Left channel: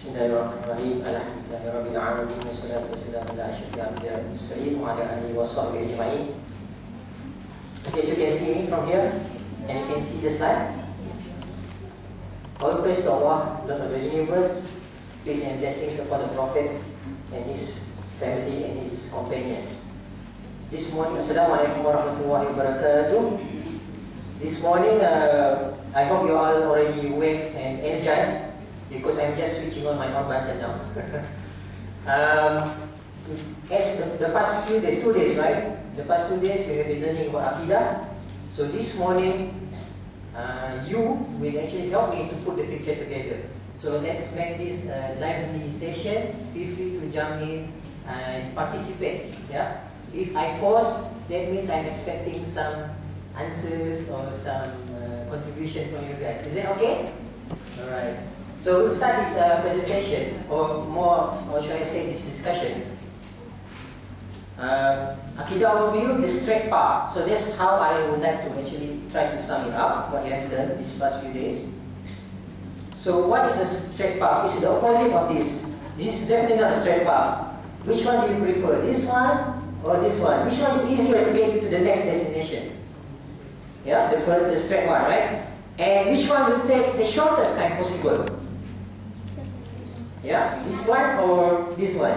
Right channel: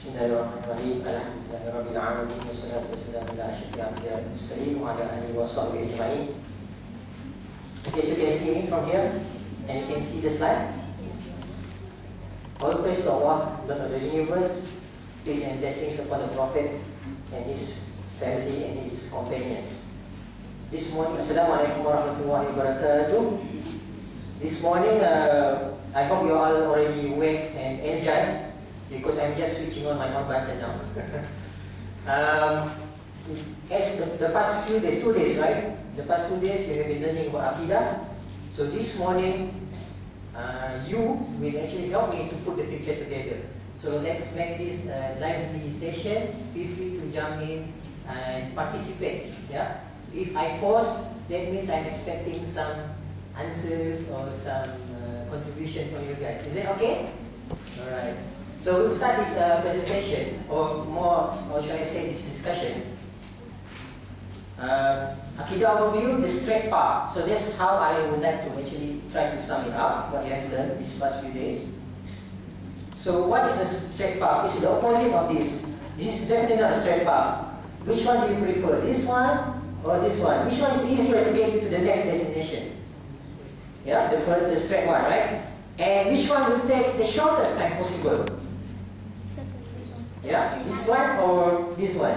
Bismillahirrahmanirrahim. Alhamdulillahirabbil alamin wassalatu wassalamu ala asyrafil anbiya'i wal mursalin wa ala alihi wa sahbihi ajma'in. Okay, so you can see me from here and you can see the slides. All praise to Allah, Lord of the universe, peace and blessings upon the Prophet and his family and his companions. This morning, Assalamualaikum warahmatullahi wabarakatuh. This morning, I hope you all already awake and energized, because I'm just switching on my on button now. As the past few days, 2 days, right? The past 2 days we have been learning about Aqidah. So this morning, you will actually help me to put the picture together. So let's make this a lively session. Feel free to jump in and participate. Yeah. If I pause, that means I'm expecting some answers or some contribution from you guys. Is that okay? All right. So we'll start this presentation, or more, or should I say this discussion. Aqidah overview, the straight path. So that's how I would like to actually try to sum it up, what you have learned these past few days. So what is a straight path? It's the opposite of this. This is definitely not a straight path. Which one do you prefer? This one or this one? Which one is easier to get you to the next destination? Yeah, the straight one, right? And which one will take the shortest time possible? Yeah, this one or this one?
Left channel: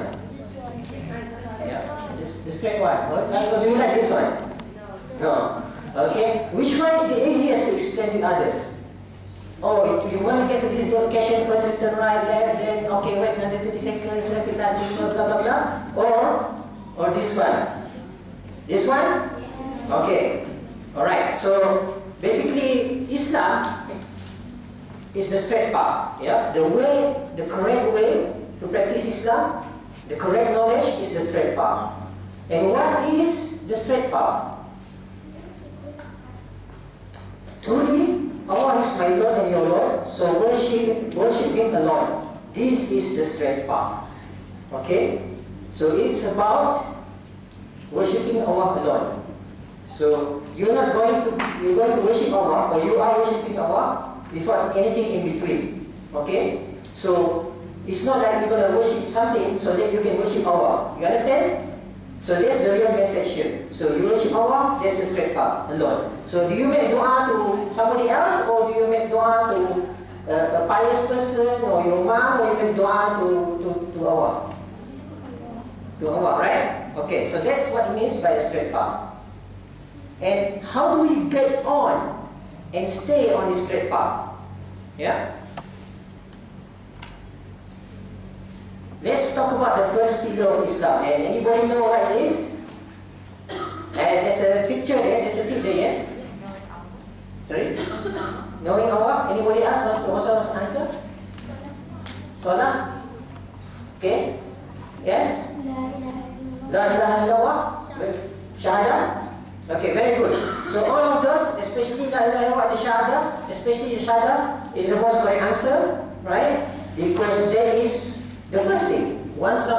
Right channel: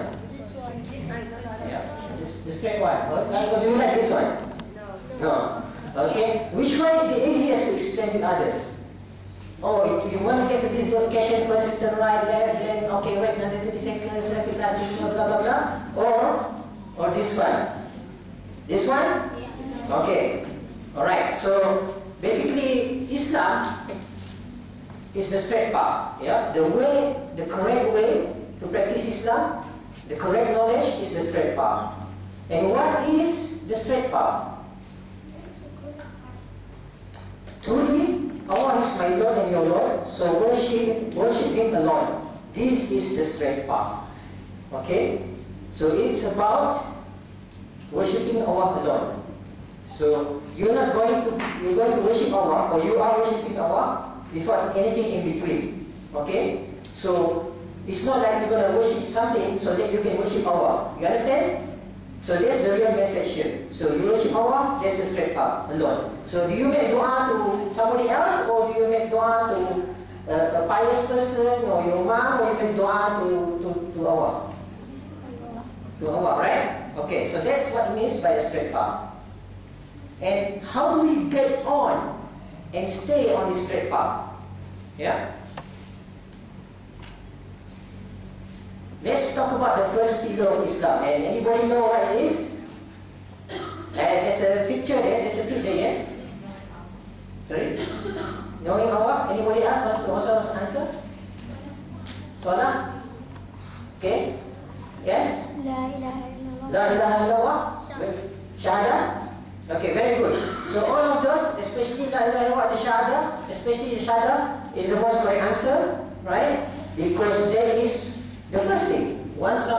Yeah, the straight one. Or do you like this one? No. Okay. Which one is the easiest to explain to others? Oh, you want to get to this location first, you turn right, left, then okay, wait another 30 seconds, traffic light signal, blah blah blah. Or this one? This one? Okay. All right. So basically, Islam is the straight path. Yeah, the correct way to practice Islam, the correct knowledge is the straight path. And what is the straight path? Truly, Allah is my Lord and your Lord, so worship Him alone. This is the straight path. Okay, so it's about worshiping Allah alone. So you're going to worship Allah, or you are worshiping Allah without anything in between. Okay? So it's not like you're going to worship something so that you can worship Allah. You understand? So that's the real message here. So you worship Allah, that's the straight path alone. So do you make dua to somebody else, or do you make dua to a pious person, or your mom, or you make dua to Allah? To Allah, right? Okay, so that's what it means by a straight path. And how do we get on and stay on this straight path? Yeah? Let's talk about the first pillar of Islam. And anybody know what it is? And there's a picture there, there's a tip there, yes? Sorry? Knowing Allah? Anybody else wants to answer? Salah? Okay? Yes? La ilaha illallah? Shahadah? Okay, very good. So all of those, especially La ilaha illallah, the Shahadah, especially the Shahadah, is the most correct answer, right? Because that is the first thing. Once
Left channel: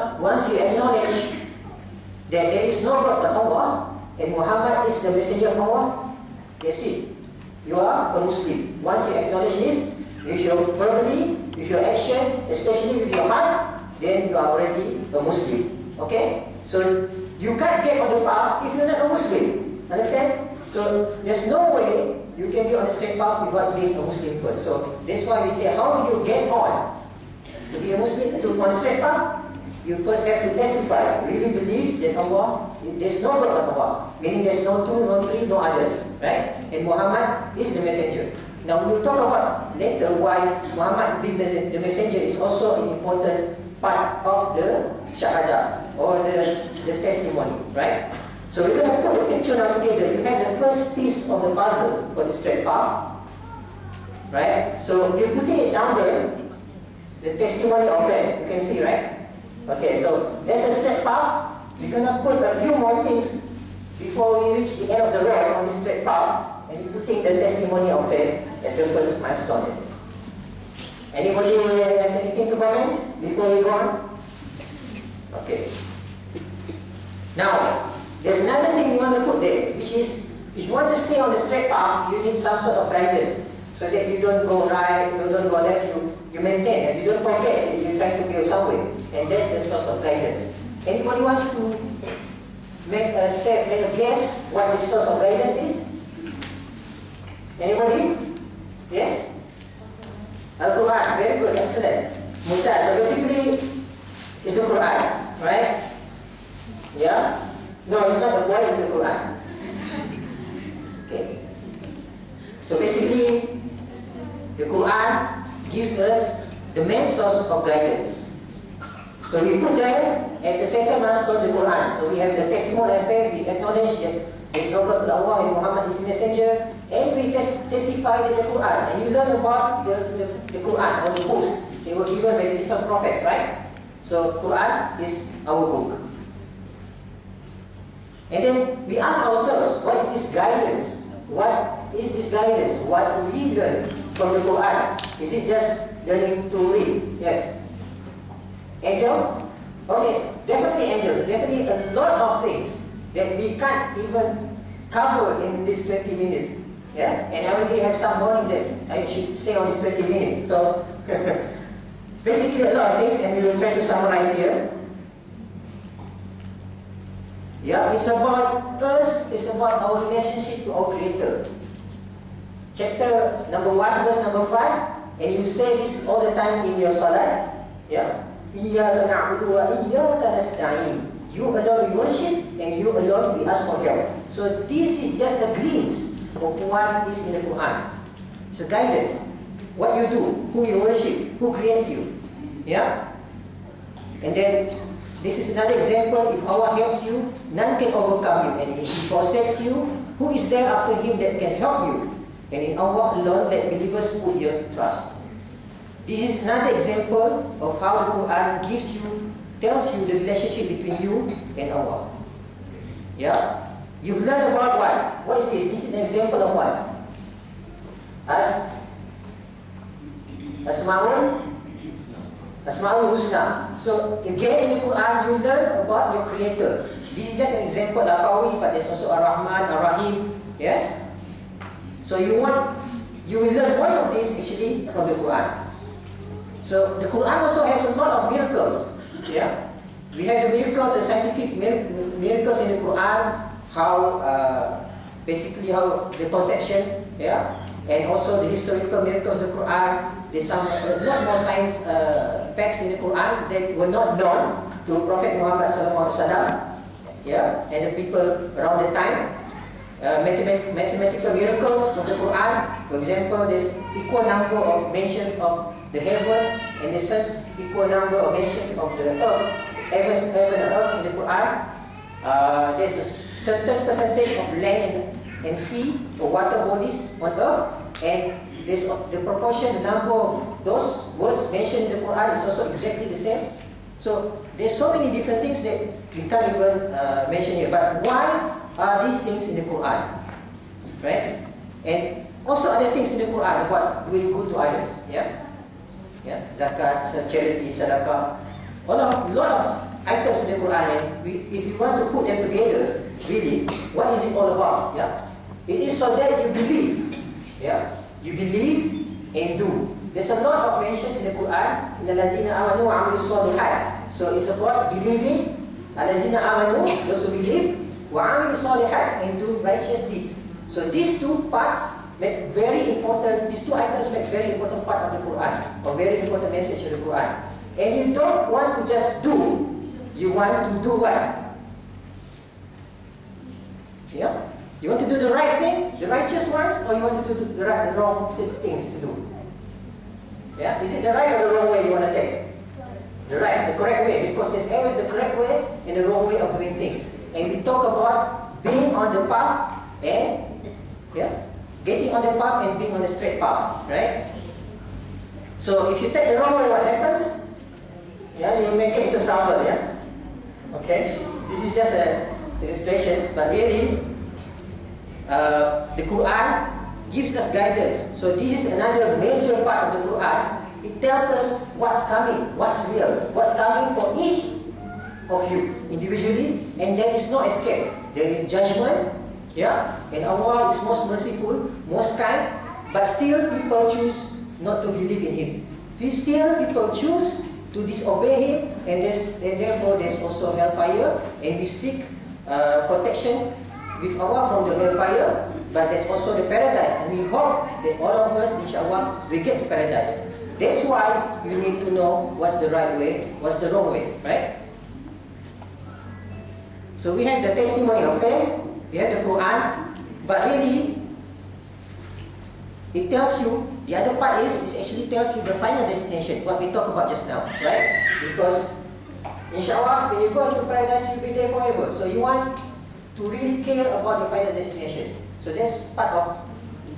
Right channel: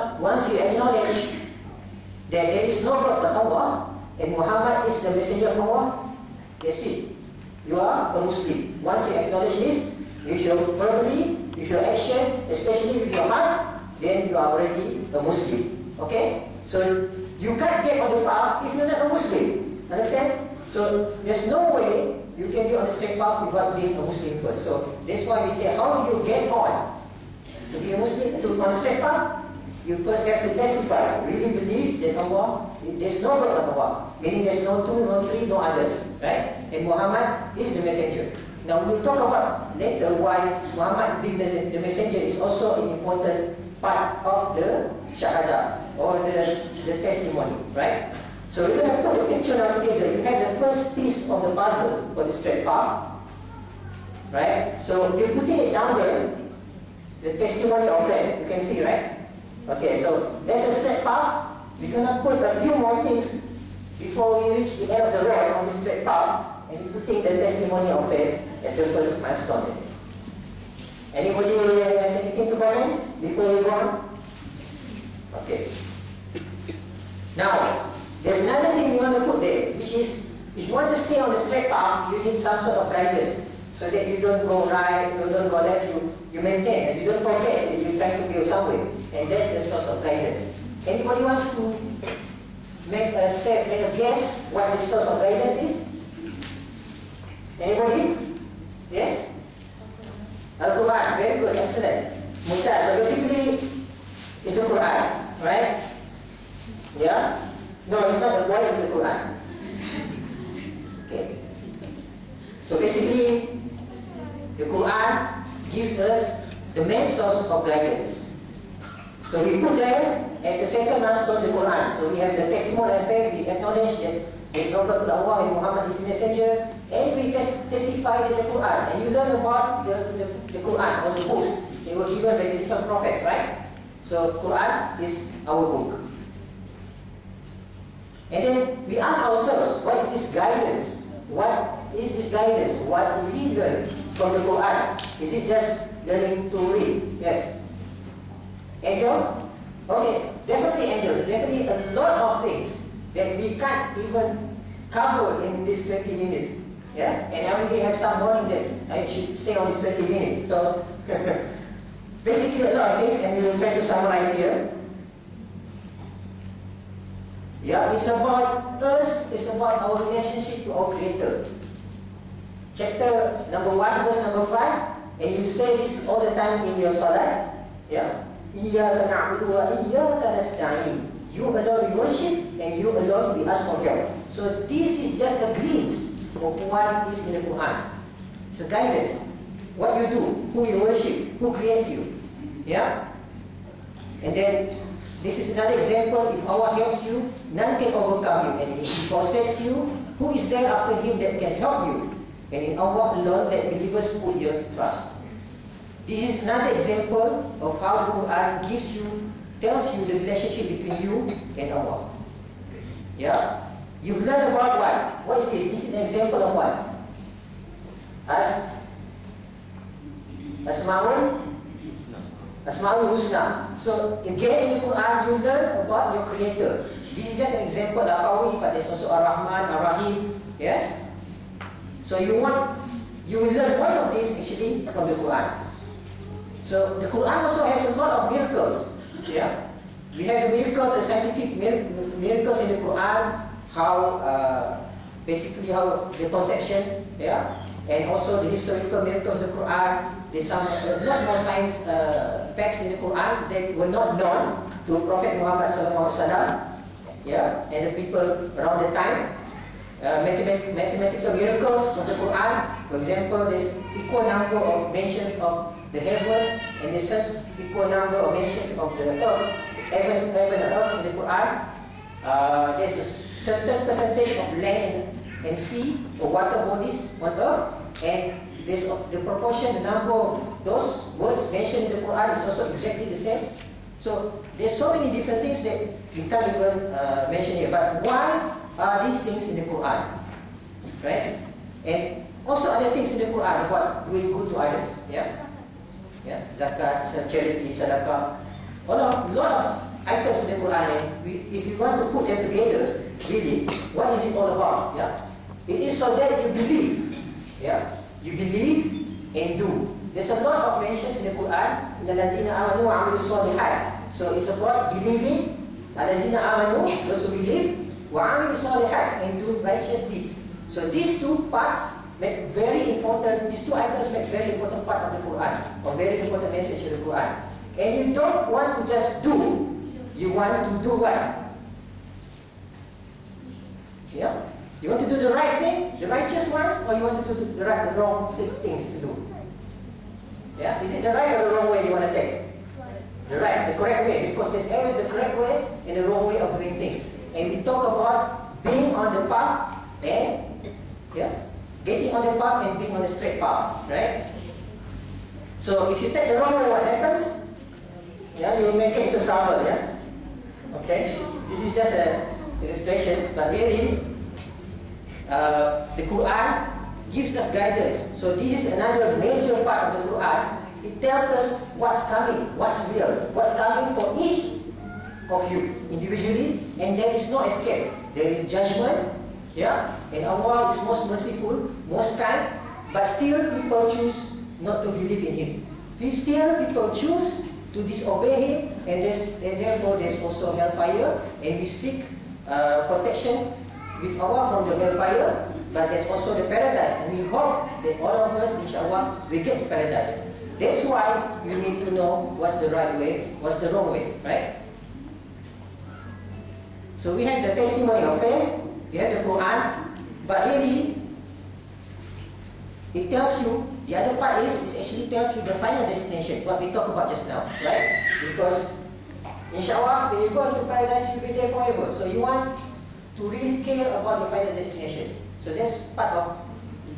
you acknowledge that there is no God but Allah, and Muhammad is the messenger of Allah, that's it. You are a Muslim. Once you acknowledge this, with your verbally, with your action, especially with your heart, then you are already a Muslim. Okay? So you can't get on the path if you're not a Muslim. Understand? So there's no way you can be on the straight path without being a Muslim first. So that's why we say, how do you get on to be a Muslim, to on the straight path? You first have to testify, really believe that Allah, there's no God but Allah, meaning there's no two, no three, no others, right? And Muhammad is the messenger. Now we'll talk about later why Muhammad being the messenger is also an important part of the Shahadah, or the testimony, right? So we're going to put the picture now together. You have the first piece of the puzzle for the straight path, right? So you're putting it down there, the testimony of that, you can see, right? Okay, so that's a straight path. We're going to put a few more things before we reach the end of the road on the straight path, and we're putting the testimony of faith as the first milestone. Anybody has anything to comment before we go on? Okay. Now, there's another thing we want to put there, which is, if you want to stay on the straight path, you need some sort of guidance. so that you don't go right, you don't go left, you maintain, and you don't forget that you're trying to go somewhere. And that's the source of guidance. Anybody wants to make a step, make a guess what the source of guidance is? Anybody? Yes? Al-Quran, very good, excellent. Mumtaz, so basically, it's the Quran, right? Yeah? No, it's not the Quran, it's the Quran. Okay. So basically, the Quran gives us the main source of guidance. So we put there as the second last of the Quran. So we have the testimony of faith, we acknowledge that there is no God but Allah and Muhammad is the messenger, and we testify that the Quran. And you learn about the Quran, or the books. They were given by the different prophets, right? So Quran is our book. And then we ask ourselves, what is this guidance? What is this guidance? What do we learn from the Quran? Is it just learning to read? Yes. Angels? Okay, definitely angels. Definitely a lot of things that we can't even cover in these 20 minutes. Yeah? And I already have some warning that I should stay on these 20 minutes. So, basically a lot of things, and we will try to summarize here. Yeah, it's about us, it's about our relationship to our Creator. Chapter number 1, verse number 5, and you say this all the time in your salat. Yeah. Iyyaka na'budu wa iyyaka nasta'in. You alone we worship, and you alone we ask for help. So this is just a glimpse of what is in the Quran. It's a guidance. What you do, who you worship, who creates you. Yeah? And then, this is another example. If Allah helps you, none can overcome you. And if He forsakes you, who is there after Him that can help you? And in Allah alone that believers put your trust. This is another example of how the Quran tells you the relationship between you and Allah. Yeah? You've learned about what? What is this? This is an example of what? Asma'ul Husna. So again in the Quran you learn about your Creator. This is just an example of Al-Qawi, but there's also Ar-Rahman, Ar-Rahim. Yes? So you will learn most of this actually from the Quran. So the Quran also has a lot of miracles. Yeah? We have the miracles, the scientific miracles in the Quran, basically how the conception, yeah? And also the historical miracles of the Quran. There's a lot more science facts in the Quran that were not known to Prophet Muhammad SAW, yeah, and the people around the time. Mathematical miracles of the Quran. For example, there's equal number of mentions of the heaven, and there's equal number of mentions of the earth, heaven and earth in the Quran. There's a certain percentage of land and sea or water bodies on earth, and there's the proportion, the number of those words mentioned in the Quran is also exactly the same. So there's so many different things that we can't even mention here. But why are these things in the Quran? Right? And also other things in the Quran about doing good to others. Yeah? Yeah? Zakat, charity, sadaqah. A lot of items in the Quran, and if you want to put them together, really, what is it all about? Yeah? It is so that you believe. Yeah? You believe and do. There's a lot of mentions in the Quran. Allazina amanu wa amilus solihat. So it's about believing. Allazina amanu, those who believe, wa amilus solihat, and do righteous deeds. So these two parts make very important. These two items make very important part of the Quran, or very important message of the Quran. And you don't want to just do. You want to do what? Yeah. You want to do the right thing, the righteous ones, or you want to do the wrong things to do? Yeah? Is it the right or the wrong way you want to take? The right, the correct way, because there's always the correct way and the wrong way of doing things. And we talk about being on the path and getting on the path and being on the straight path, right? So if you take the wrong way, what happens? Yeah, you may get into trouble, yeah? Okay? This is just an illustration, but really, the Quran gives us guidance. So this is another major part of the Quran. It tells us what's coming, what's real, what's coming for each of you individually, and there is no escape. There is judgment, yeah, and Allah is most merciful, most kind, but still people choose not to believe in him. Still people choose to disobey him, and therefore there's also hellfire, and we seek protection with Allah from the hellfire, but there's also the paradise, and we hope that all of us, inshallah, will get to paradise. That's why you need to know what's the right way, what's the wrong way, right? So we have the testimony of faith, we have the Quran, but really, it tells you, the other part is, it actually tells you the final destination, what we talked about just now, right? Because, inshallah, when you go into paradise, you'll be there forever. So you want to really care about the final destination. So that's part of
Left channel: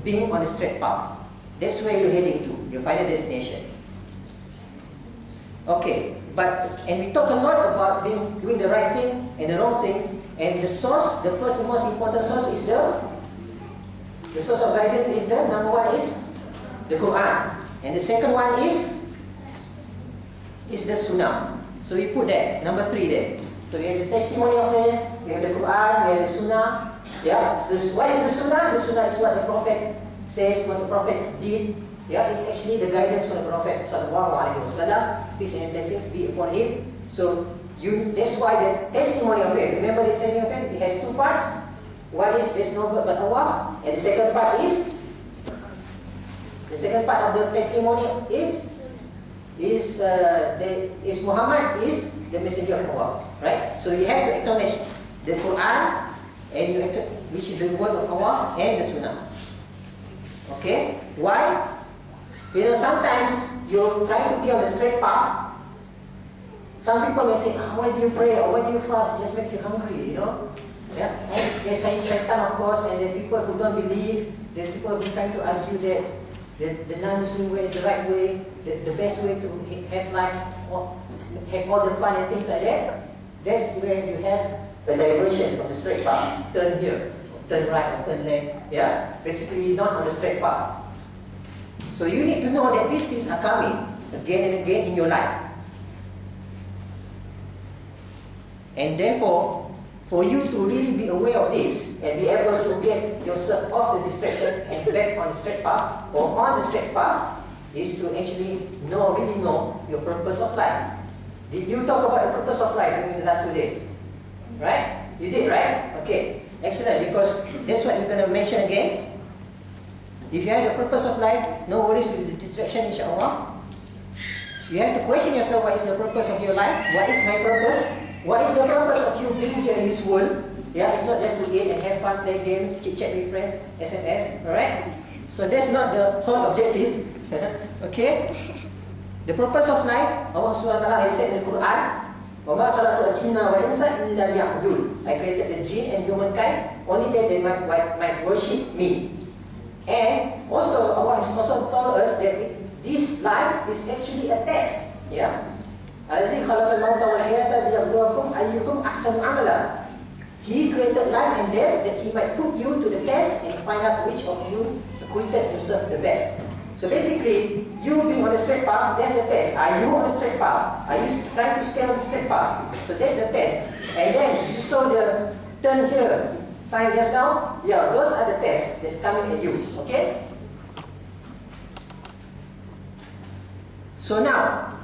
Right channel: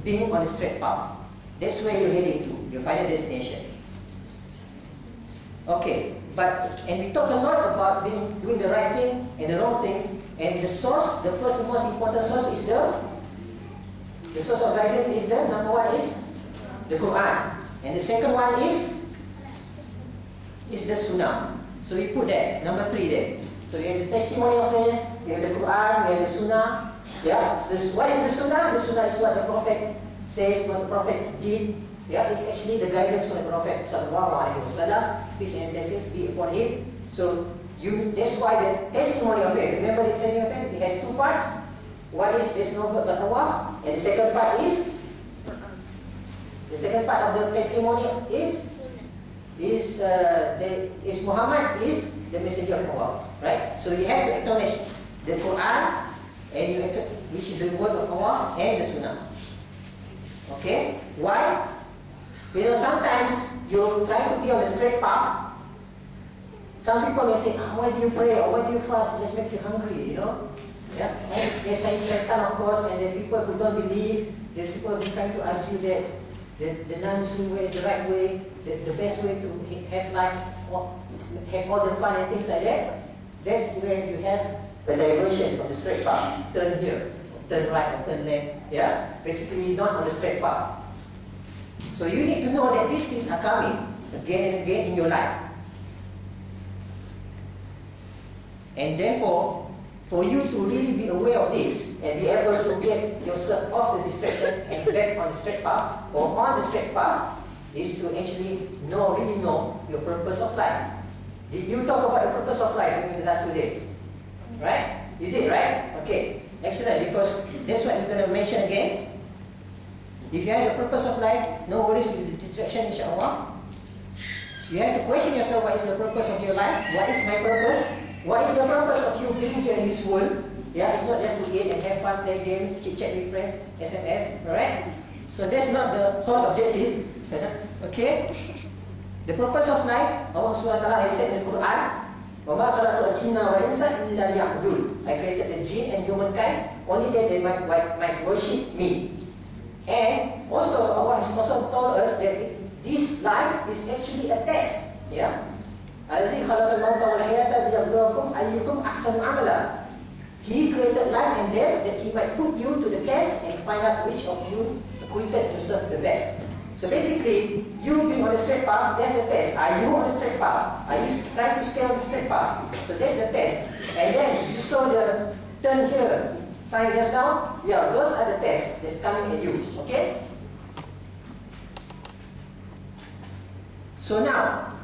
being on the straight path. That's where you're heading to, your final destination. Okay, and we talk a lot about doing the right thing and the wrong thing, and the source, the first and most important source is the source of guidance is number one is the Quran, and the second one is the Sunnah. So we put that, number 3 there. So we have the testimony of faith, we have the Quran, we have the Sunnah. Yeah, so what is the Sunnah? The Sunnah is what the Prophet says, what the Prophet did. Yeah, it's actually the guidance from the Prophet Sallallahu Alaihi Wasallam. Peace and blessings be upon him. So that's why the testimony of faith. Remember the testimony of faith? It has 2 parts. One is there's no God but Allah, and the second part is of the testimony is Muhammad is the messenger of Allah, right? So you have to acknowledge the Quran, and which is the word of Allah, and the Sunnah. Okay? Why? You know, sometimes you're trying to be on the straight path. Some people may say, why do you pray or why do you fast? It just makes you hungry, you know? Yeah? And there's shaitan, of course, and the people who don't believe, the people who are trying to argue that the non-Muslim way is the right way, the best way to have life, or have all the fun and things like that. That's where you have a diversion from the straight path. Turn here, turn right, or turn left. Yeah? Basically, not on the straight path. So you need to know that these things are coming again and again in your life. And therefore, for you to really be aware of this and be able to get yourself off the distraction and back on the straight path or on the straight path is to actually really know your purpose of life. Did you talk about the purpose of life in the last 2 days? Right? You did, right? Okay. Excellent, because that's what we're going to mention again. If you have the purpose of life, no worries with the distraction, inshallah. You have to question yourself, what is the purpose of your life? What is my purpose? What is the purpose of you being here in this world? Yeah, it's not just to eat and have fun, play games, chit-chat with friends, SMS, alright? So that's not the whole objective. Okay? The purpose of life, Allah SWT has said in the Quran, وَمَا خَلَقْتُ الْجِنَّ وَالْإِنسَ إِلَّا لِيَعْبُدُونَ I created the jinn and humankind only that they might worship me. And also, Allah has also told us that this life is actually a test. Yeah? الَّذِي خَلَقَ الْمَوْتَ وَالْحَيَاةَ لِيَبْلُوَكُمْ أَيُّكُمْ أَحْسَنُ عَمَلًا. He created life and death that He might put you to the test and find out which of you acquitted himself the best. So basically, you being on the straight path, that's the test. Are you on the straight path? Are you trying to stay on the straight path? So that's the test. And then you saw the turn here sign just now. Yeah, those are the tests that coming at you. Okay? So now,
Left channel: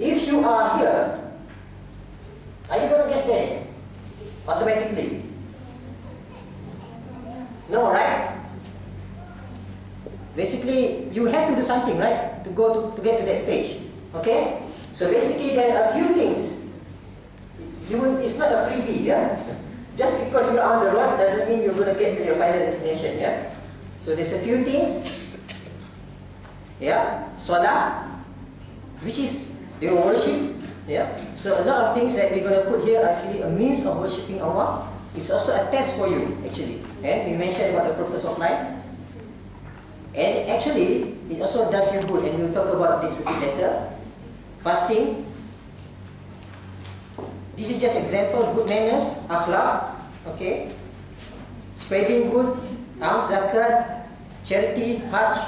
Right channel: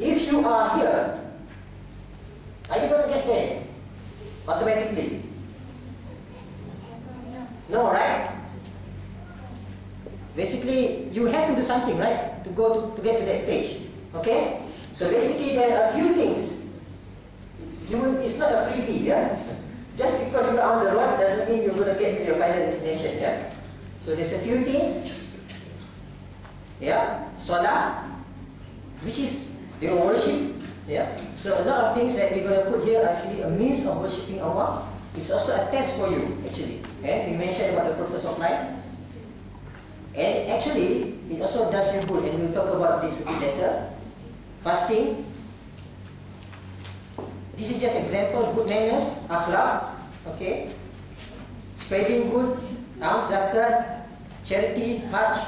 if you are here, are you going to get there automatically? No, right? Basically, you have to do something, right, to get to that stage. Okay? So basically, there are a few things. It's not a freebie, yeah? Just because you're on the road doesn't mean you're going to get to your final destination, yeah? So there's a few things. Yeah? Salah, which is your worship. Yeah? So a lot of things that we're going to put here are actually a means of worshipping Allah. It's also a test for you, actually. And we mentioned about the purpose of life. And actually, it also does you good, and we'll talk about this a bit later. Fasting. This is just example, good manners, akhlaq, okay? Spreading good, alms, zakat, charity, hajj.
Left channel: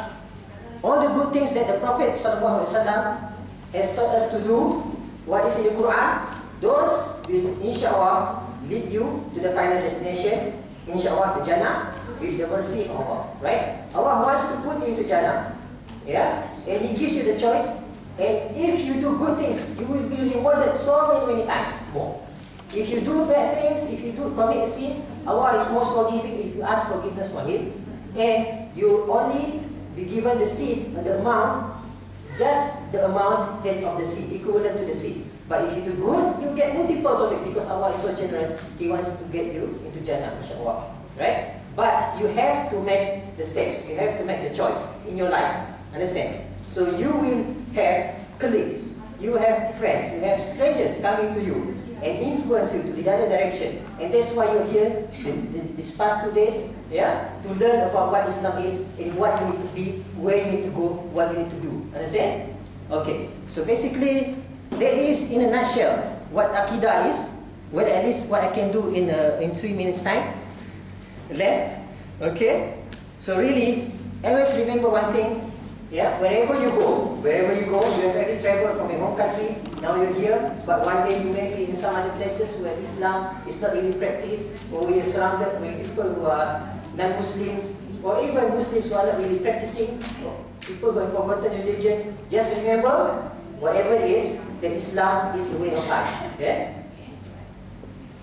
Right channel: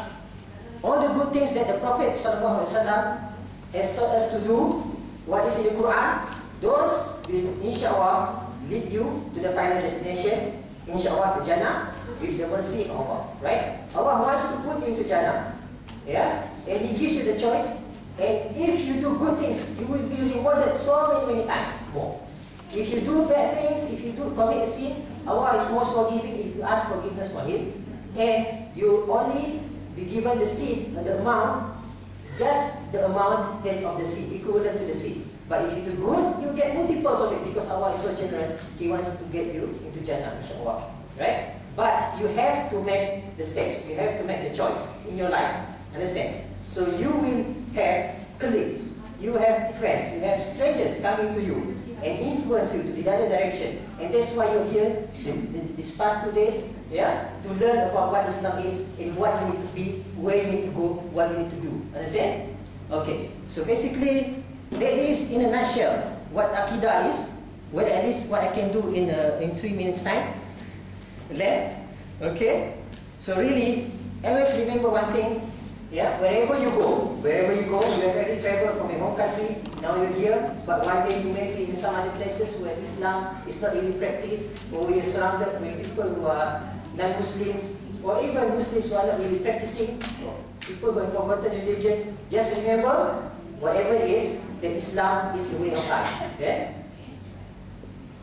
All the good things that the Prophet ﷺ has taught us to do, what is in the Quran, those will inshallah lead you to the final destination, inshallah to Jannah, with the mercy of Allah, right? Allah wants to put you into Jannah. Yes? And He gives you the choice. And if you do good things, you will be rewarded so many times more. If you do bad things, if you do commit a sin, Allah is most forgiving if you ask forgiveness for Him. And you only be given the sin, the amount, just the amount of the sin, equivalent to the sin. But if you do good, you get multiples of it because Allah is so generous. He wants to get you into Jannah, insyaAllah. Right? But you have to make the steps. You have to make the choice in your life. Understand? So you will have colleagues, you have friends, you have strangers coming to you and influence you to the other direction. And that's why you're here this past 2 days, yeah, to learn about what Islam is and what you need to be, where you need to go, what you need to do. Understand? Okay. So basically, that is in a nutshell what Aqidah is. Well, at least what I can do in 3 minutes time. Left. Okay. So really, always remember one thing. Yeah, wherever you go, you have already traveled from your home country, now you're here, but one day you may be in some other places where Islam is not really practiced, or where you're surrounded with people who are non-Muslims, or even Muslims who are not really practicing, people who have forgotten religion. Just remember, whatever it is, that Islam is the way of life. Yes?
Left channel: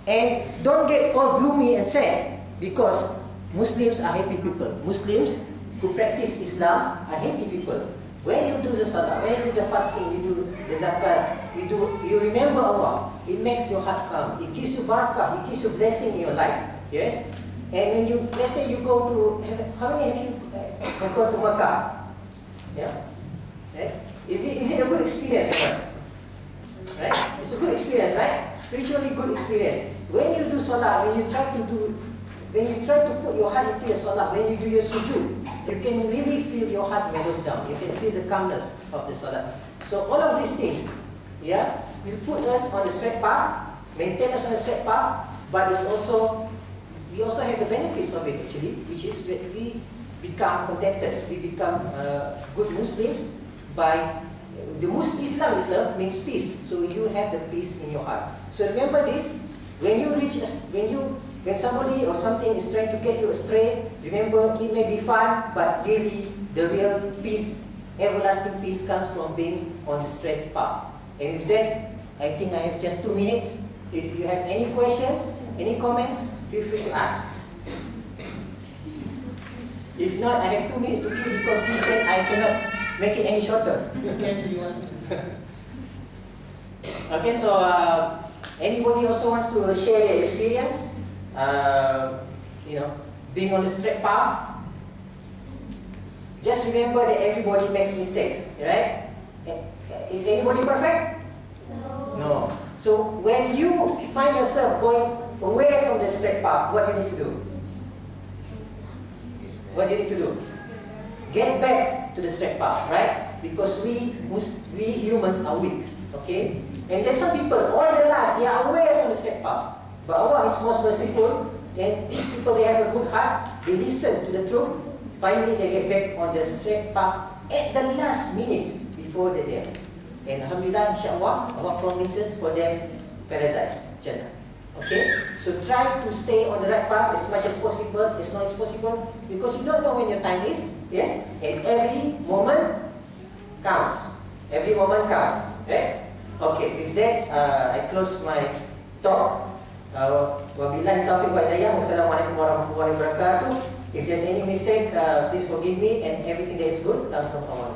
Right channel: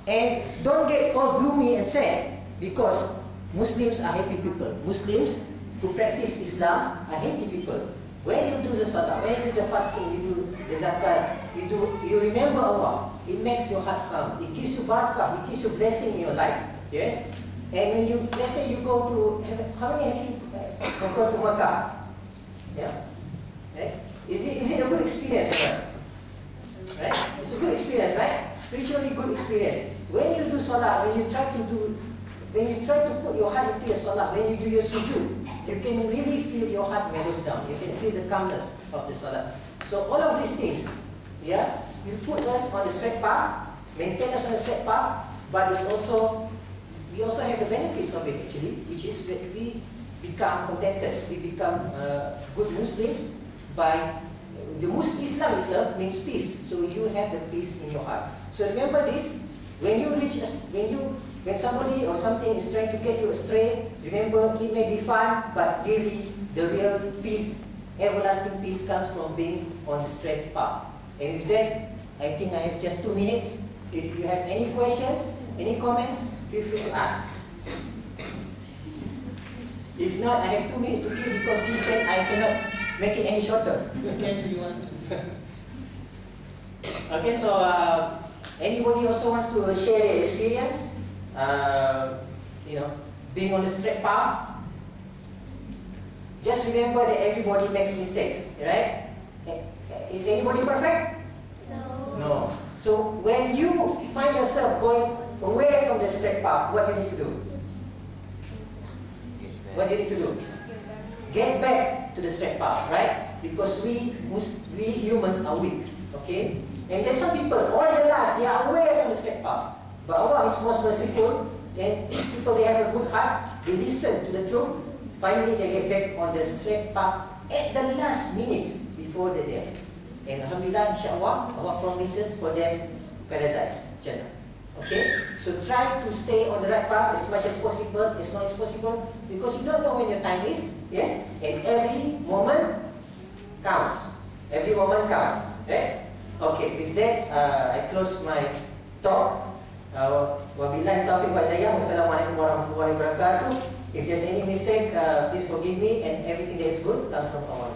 And don't get all gloomy and sad, because Muslims are happy people. Muslims who practice Islam are happy people. When you do the salah, when you do the fasting, you do the zakat, you remember Allah, it makes your heart calm. It gives you barakah, it gives you blessing in your life. Yes? And when you, let's say you go to, how many have you gone to Makkah? Yeah? Okay? Is it a good experience? Right? It's a good experience, right? Spiritually good experience. When you do salah, when you try to put your heart into your salah, when you do your sujood, you can really feel your heart mellows down. You can feel the calmness of the salah. So all of these things, yeah, will put us on the straight path, maintain us on the straight path, but it's also, we also have the benefits of it actually, which is that we become contented, we become good Muslims by, Islam itself means peace, so you have the peace in your heart. So remember this, when somebody or something is trying to get you astray, remember it may be fun, but really the real peace, everlasting peace comes from being on the straight path. And with that, I think I have just 2 minutes. If you have any questions, any comments, feel free to ask. If not, I have 2 minutes to kill because he said I cannot make it any shorter. You can if you want to. Okay, so anybody also wants to share their experience? Being on the straight path. Just remember that everybody makes mistakes, right? Is anybody perfect? No. No. So when you find yourself going away from the straight path, what do you need to do? What do you need to do? Get back to the straight path, right? Because we humans are weak, okay? And there's some people, all their life, they are away from the straight path. But Allah is most merciful, and these people, they have a good heart, they listen to the truth, finally they get back on the straight path at the last minute before the day. And Alhamdulillah, insyaAllah, Allah promises for them paradise, Jannah. Okay? So try to stay on the right path as much as possible, as long as possible, because you don't know when your time is, yes? And every moment counts. Every moment counts, right? Okay, with that, I close my talk. Wabillahi taufiq wa hidayah. Wassalamualaikum warahmatullahi wabarakatuh. If there's any mistake, please forgive me, and everything that is good comes from Allah.